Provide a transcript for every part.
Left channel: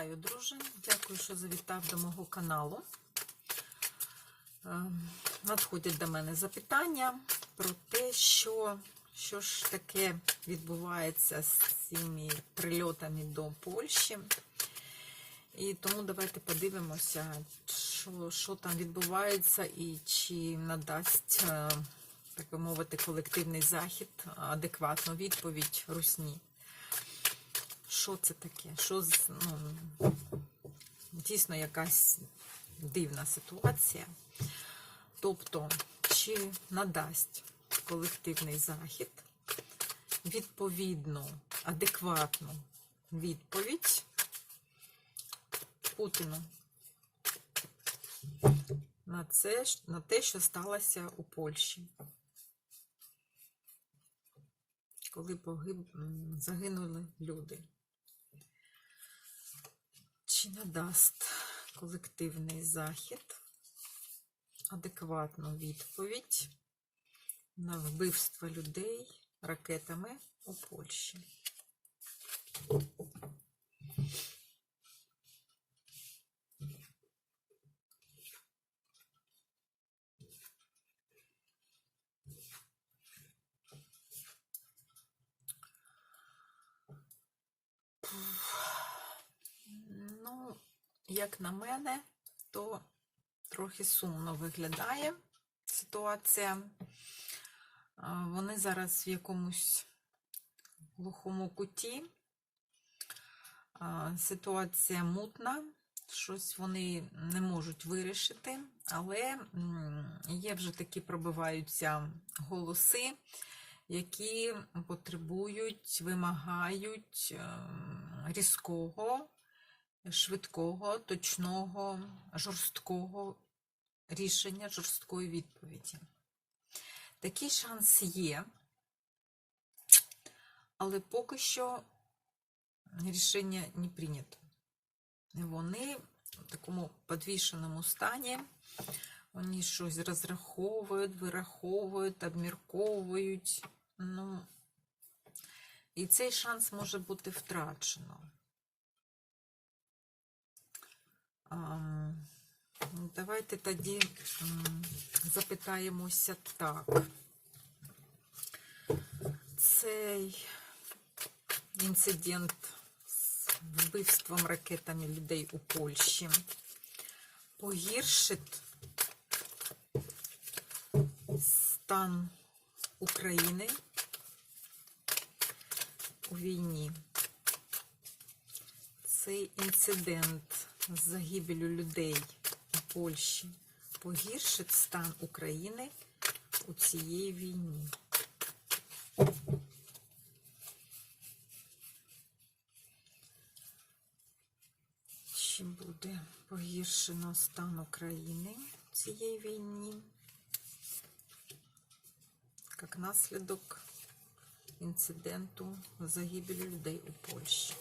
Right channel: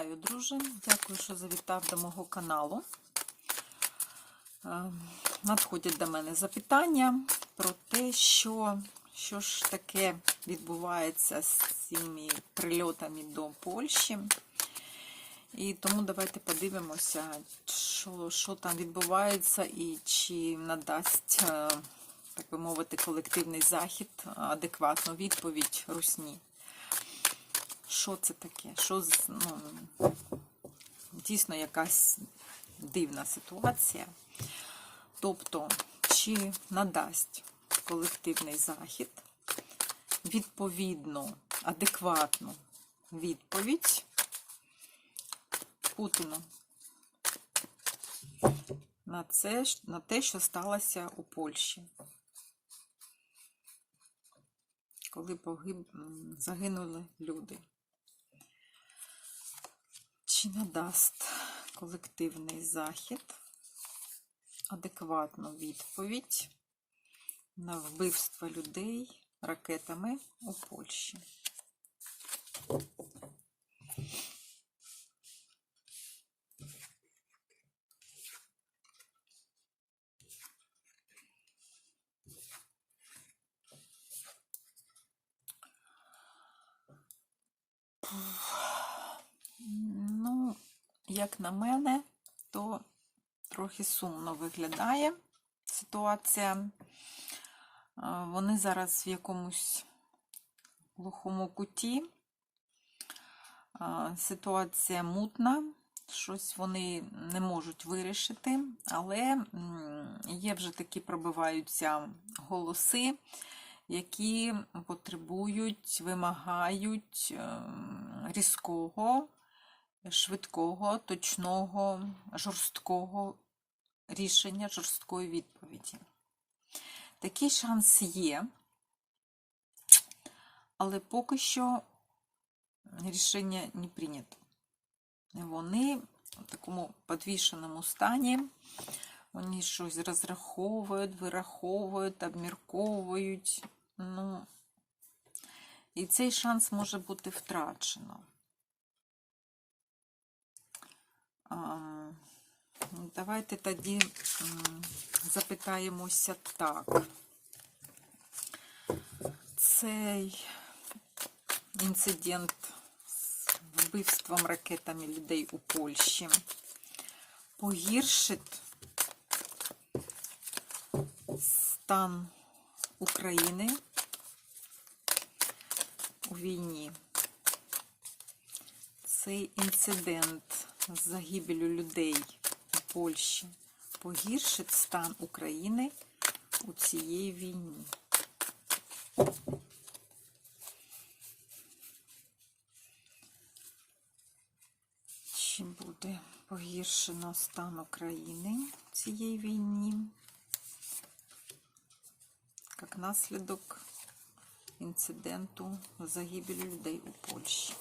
Вітаю, друже! Дякую, що завітав до мого каналу. Е, Надходять до мене запитання про те, що, що ж таке відбувається з цими прильотами до Польщі. І тому давайте подивимося, що, що там відбувається і чи надасть, е, так би мовити, колективний захід адекватну відповідь Русні. Що це таке? Що ну, дійсно якась дивна ситуація. Тобто, чи надасть колективний захід відповідну, адекватну відповідь Путіну на, це, на те, що сталося у Польщі. Коли погиб, загинули люди. Чи надасть колективний захід адекватну відповідь на вбивство людей ракетами у Польщі? Ну, як на мене, то трохи сумно виглядає ситуація. Вони зараз в якомусь глухому куті. Ситуація мутна, щось вони не можуть вирішити, але є вже такі пробиваються голоси, які потребують, вимагають ем, різкого, швидкого, точного, жорсткого рішення, жорсткої відповіді. Такий шанс є, але поки що рішення не прийнято. Вони в такому підвішеному стані, вони щось розраховують, вираховують, обмірковують. Ну, і цей шанс може бути втрачено. Давайте тоді запитаємося так. Цей інцидент з вбивством ракетами людей у Польщі погіршить стан України у війні. Цей інцидент з загибелю людей у Польщі погіршить стан України у цієї війні. Чи буде погіршено стан України в цієї війні? Як наслідок інциденту загибелі людей у Польщі.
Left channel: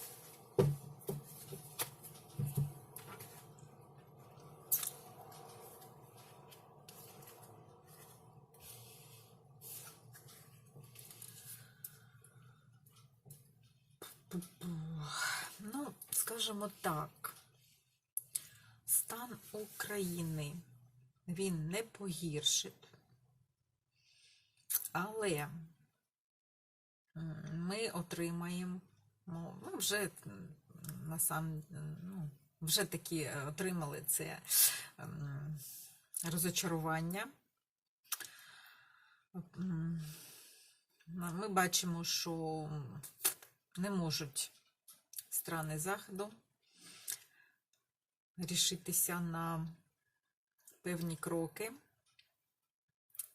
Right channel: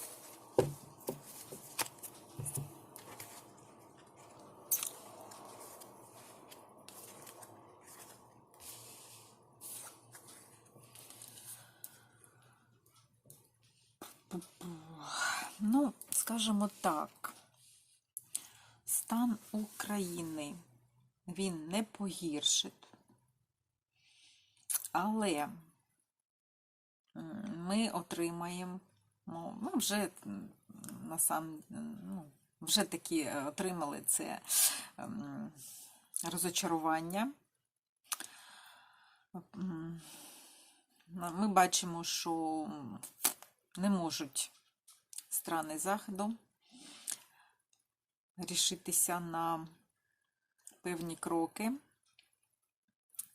Ну, скажімо так, стан України він не погіршить, але ми отримаємо, ну, ми вже на сам, ну, вже такі е, отримали це ем, розочарування. Ми бачимо, що не можуть страни Заходу рішитися на певні кроки.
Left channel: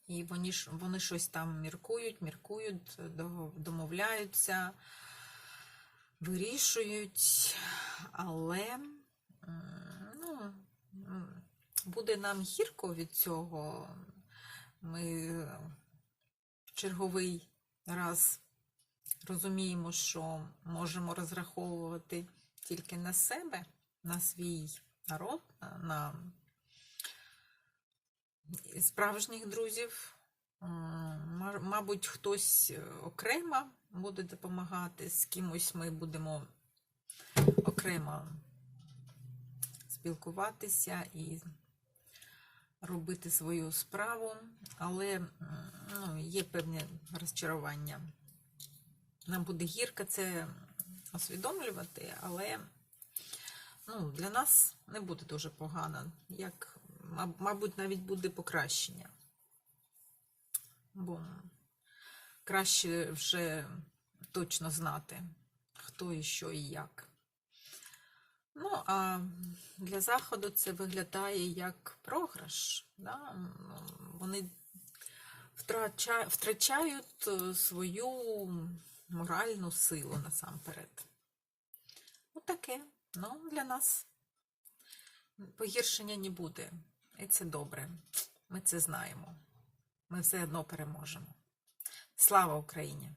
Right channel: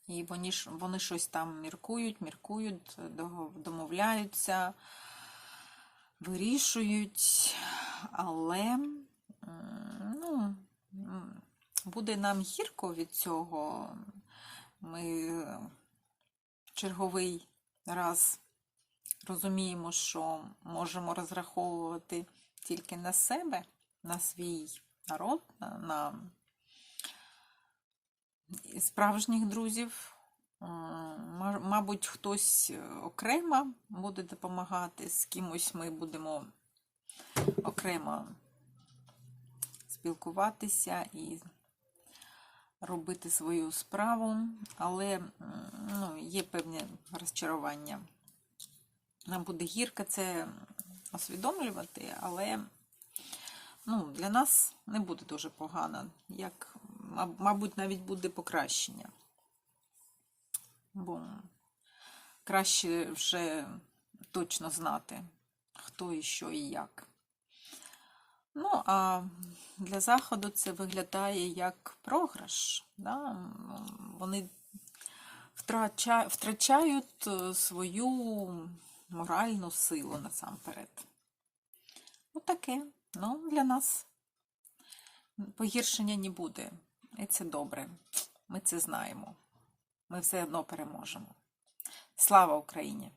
І вони, вони щось там міркують, міркують, домовляються, вирішують, але ну, буде нам гірко від цього. Ми черговий раз розуміємо, що можемо розраховувати тільки на себе, на свій народ, на, справжніх друзів. Мабуть, хтось окремо буде допомагати, з кимось ми будемо окремо спілкуватися і робити свою справу, але ну, є певне розчарування. Нам буде гірко це усвідомлювати, але ну, для нас не буде дуже погано, як, мабуть, навіть буде покращення. Бо краще вже точно знати, хто і що і як. Ну, а для Заходу це виглядає як програш. Да? Вони втрачають е, свою моральну силу насамперед. Отаке. Ну, для нас погіршення не буде. І це добре. Ми це знаємо. Ми все одно переможемо. Слава Україні!